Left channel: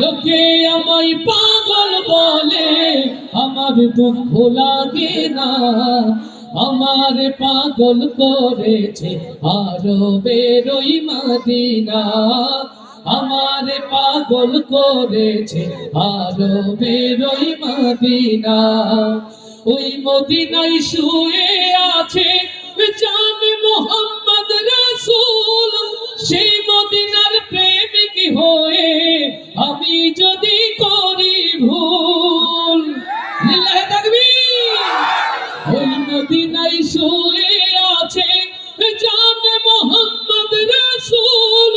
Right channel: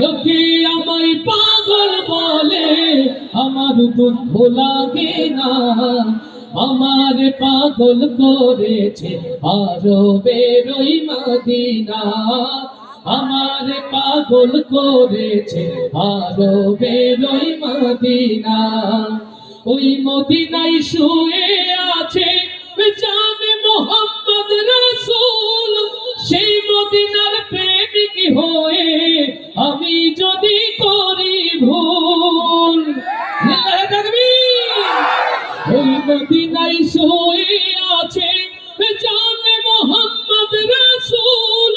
লোকে আমায় পাগল বলে, আমার দুঃখ লাগে না। আমার পাগল করেছে আরবের ওই মদিনা। আমার পাগল করেছে আরবের ওই মদিনা। ওই মদিনায় শুয়ে আছে জানে মোহাম্মদ রাসূল। সেই মদিনার প্রেমিক হয়ে আমি যদি করি ভুল, লিল্লাহে তাকবীর। ওই মদিনায় শুয়ে আছে জানে মোহাম্মদ রাসূল।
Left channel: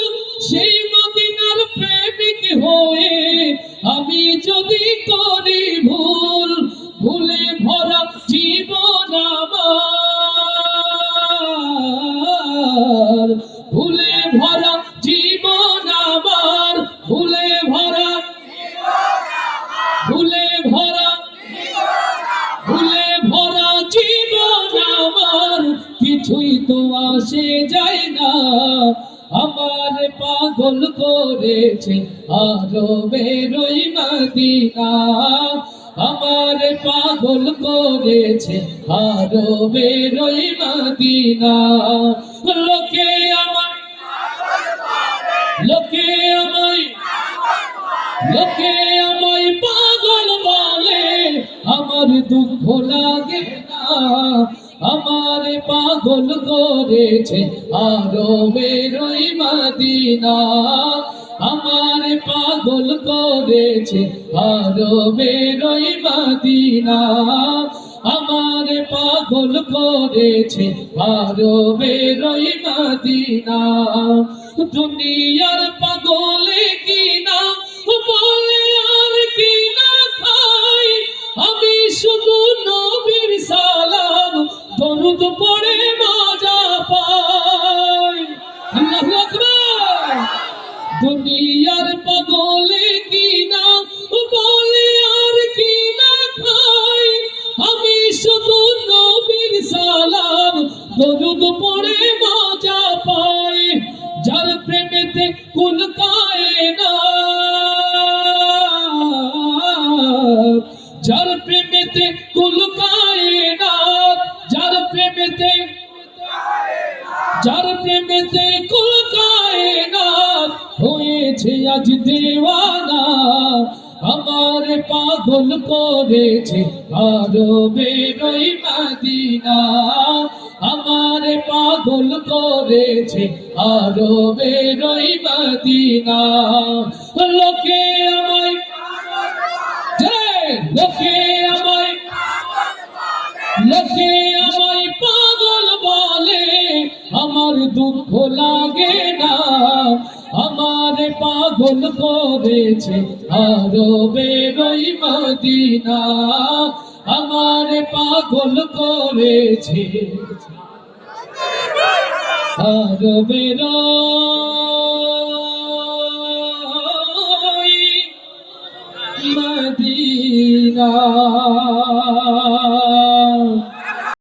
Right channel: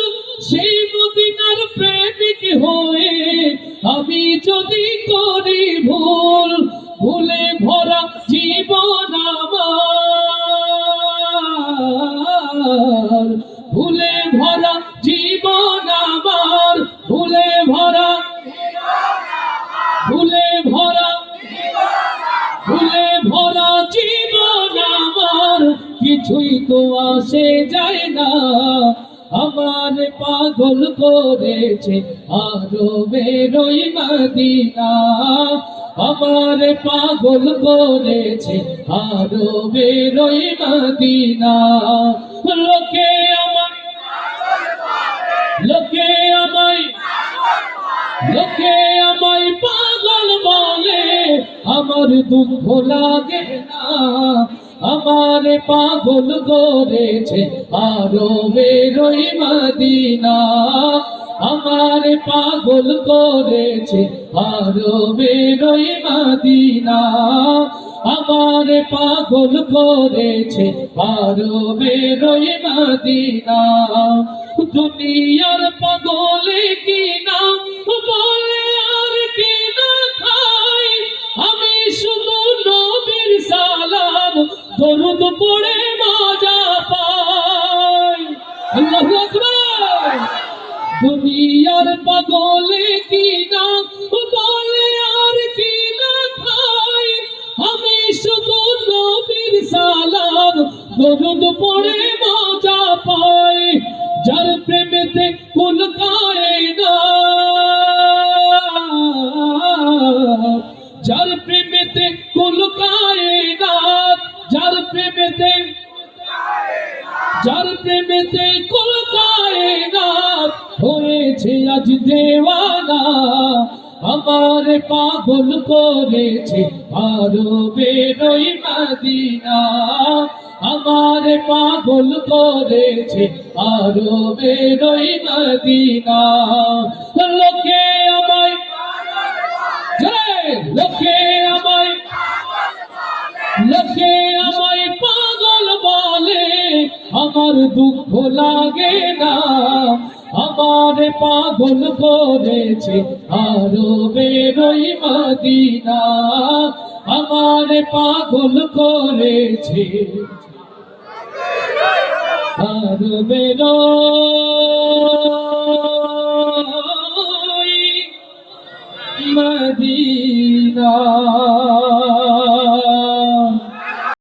সেই মদিনার প্রেমিক হয়ে আমি যদি করি ভুল, ভুলে ভরা জীবন আমার, ভুলে ভরা জীবন আমার, ভুলে ভরা, ভুলে ভরা, ভুলে ভরা জীবন আমার, কিছুই তো আসে যায় না। আমার পাগল করেছে আরবের ওই মদিনা। আমার পাগল করেছে আরবের ওই মদিনা। লোকে আমায়, লোকে আমায়, লোকে আমায় পাগল বলে, আমার দুঃখ লাগে না। আমার পাগল করেছে আরবের ওই মদিনা। আমার পাগল করেছে আরবের ওই মদিনা। আমার পাগল করেছে আরবের ওই মদিনা। দুনিয়ার পাগলে কিনা বলে আর কিনা খাই, আমি শুধু নবীর সালাম দরুদ পড়ে মজা পাই। আল্লাহু আকবার। দুনিয়ার পাগলে কিনা বলে আর কিনা খাই, আমি শুধু নবীর সালাম দরুদ পড়ে মজা পাই। যার প্রেমেতে কুল কায়নাত, যার প্রেমেতে কুল কায়নাত, যার প্রেমেতে, যার প্রেমেতে কুল কায়নাত হয়েছে আজ দেওয়ানা। আমার পাগল করেছে আরবের ওই মদিনা। আমার পাগল করেছে আরবের ওই মদিনা। লোকে আমায়, লোকে আমায়, লোকে আমায় পাগল বলে, আমার দুঃখ লাগে না। আমার পাগল করেছে আরবের ওই মদিনা। আমার পাগল করেছে আরবের